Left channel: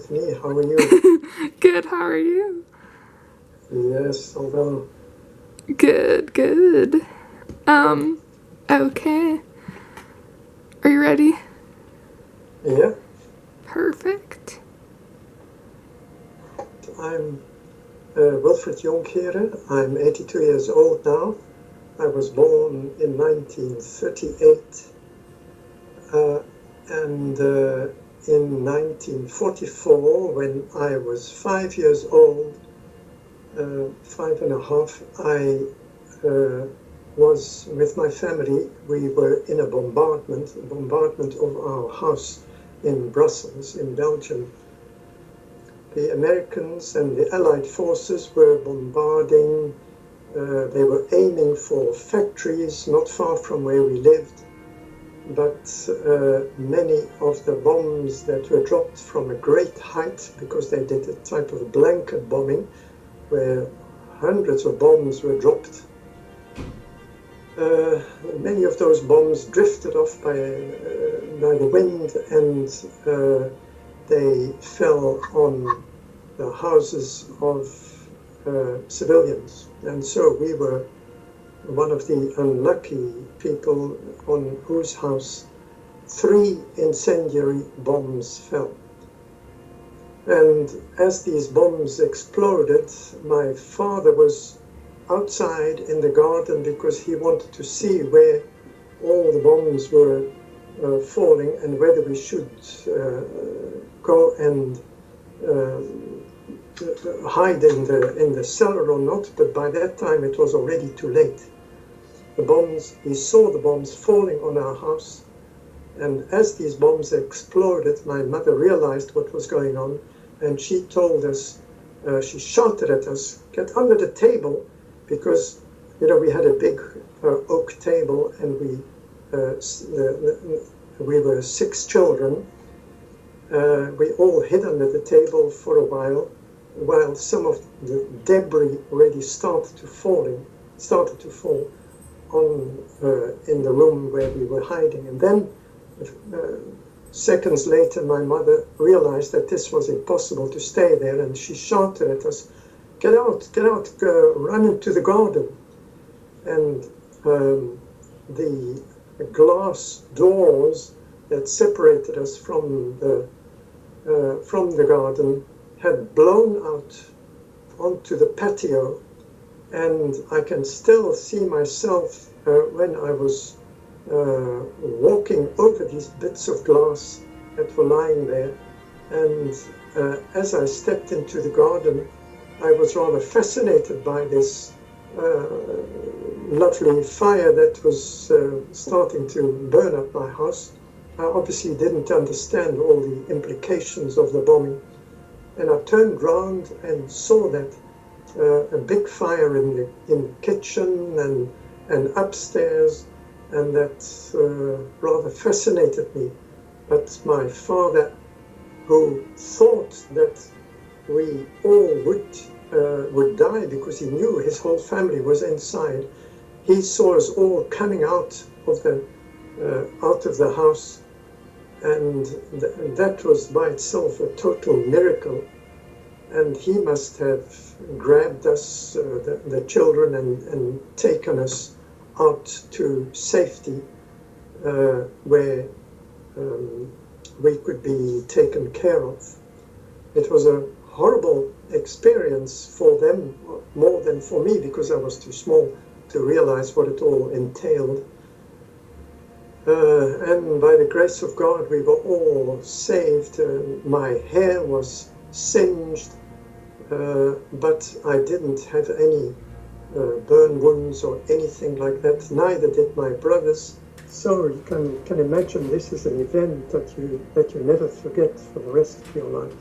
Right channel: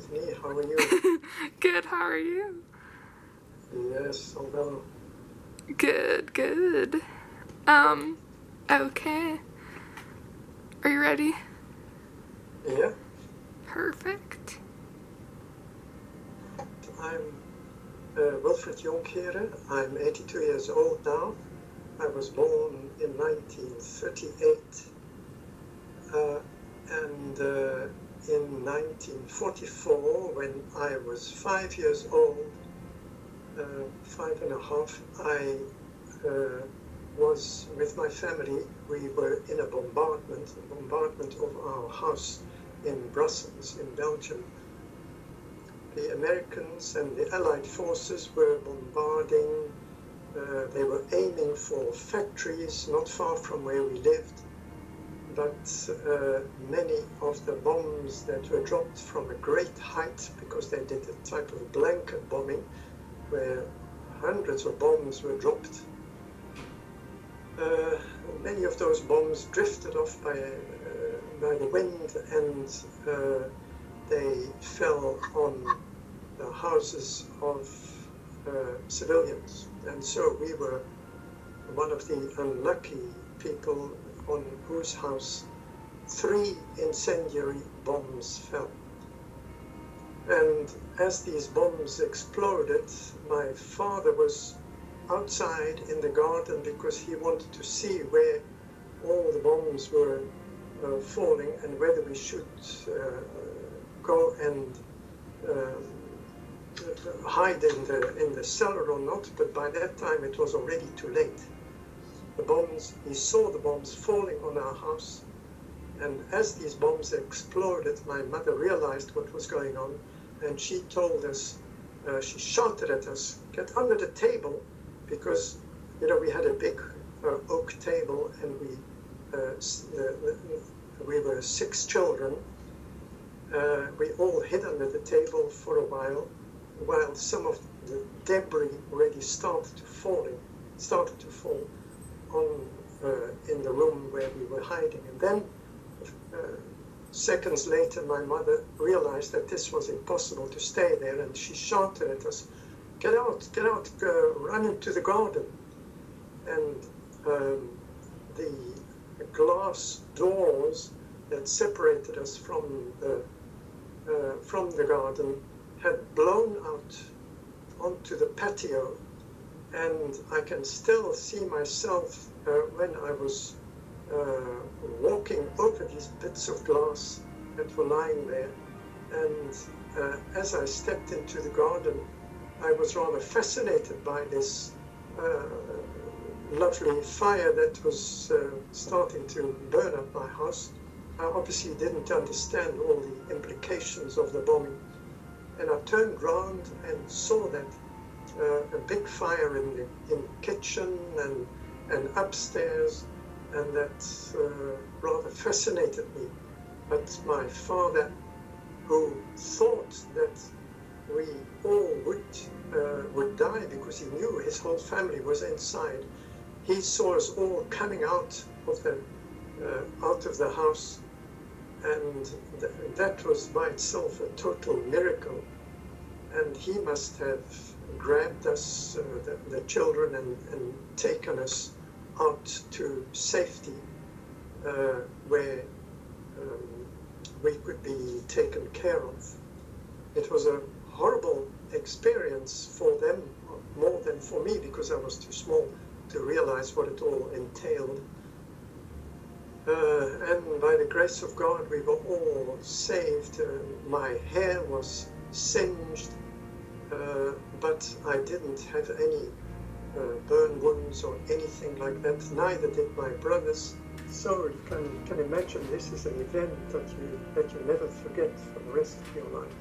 Anthony. How are you? Good, how are you? Yes, all well. Good, good. Okay. Are you ready? Yeah, Perfect. I'm Wilfred Jonkere. I'm 82 years old now. I was born in 1938 and in 1944, when I was 5 years old, 5.5, I was with my family. We were in a bombardment of our house in Brussels, in Belgium. The Americans and the Allied forces were bombarding. They were aiming for factories not far from where we lived, but many of the bombs that were dropped from a great height, because they did a type of blanket bombing where hundreds of bombs were dropped. Many of those bombs drifted off by the wind, and they fell on the houses of civilians. And so we were one of the unlucky people on whose house 3 incendiary bombs fell. And as these bombs exploded, my father was outside in the garden because he wanted to see where all the bombs were falling and whether we should go and hide in the cellar or not. But by that time it was already too late. He saw the bombs falling on our house, and as these bombs exploded, my mother realized what was going on, and she told us, she shouted at us, "Get under the table," because we had a big oak table, and we were 6 children. We all hid under the table for a while some of the debris already started to fall in the room where we were hiding. And then seconds later, my mother realized that this was impossible to stay there, and she shouted at us, get out, run into the garden." And the glass doors that separated us from the garden had blown out onto the patio, and I can still see myself when I was walking over these bits of glass that were lying there. And as I stepped into the garden, I was rather fascinated by this lovely fire that was starting to burn up my house. I obviously didn't understand all the implications of the bombing. And I turned round and saw that a big fire in the kitchen and upstairs, and that rather fascinated me. But my father, who thought that we all would die because he knew his whole family was inside, he saw us all coming out of the house, and that was by itself a total miracle. And he must have grabbed us, the children, and taken us out to safety, where we could be taken care of. It was a horrible experience for them, more than for me, because I was too small to realize what it all entailed. And by the grace of God, we were all saved. My hair was singed, but I didn't have any burn wounds or anything like that. Neither did my brothers. So you can imagine this is an event that you never forget for the rest of your life.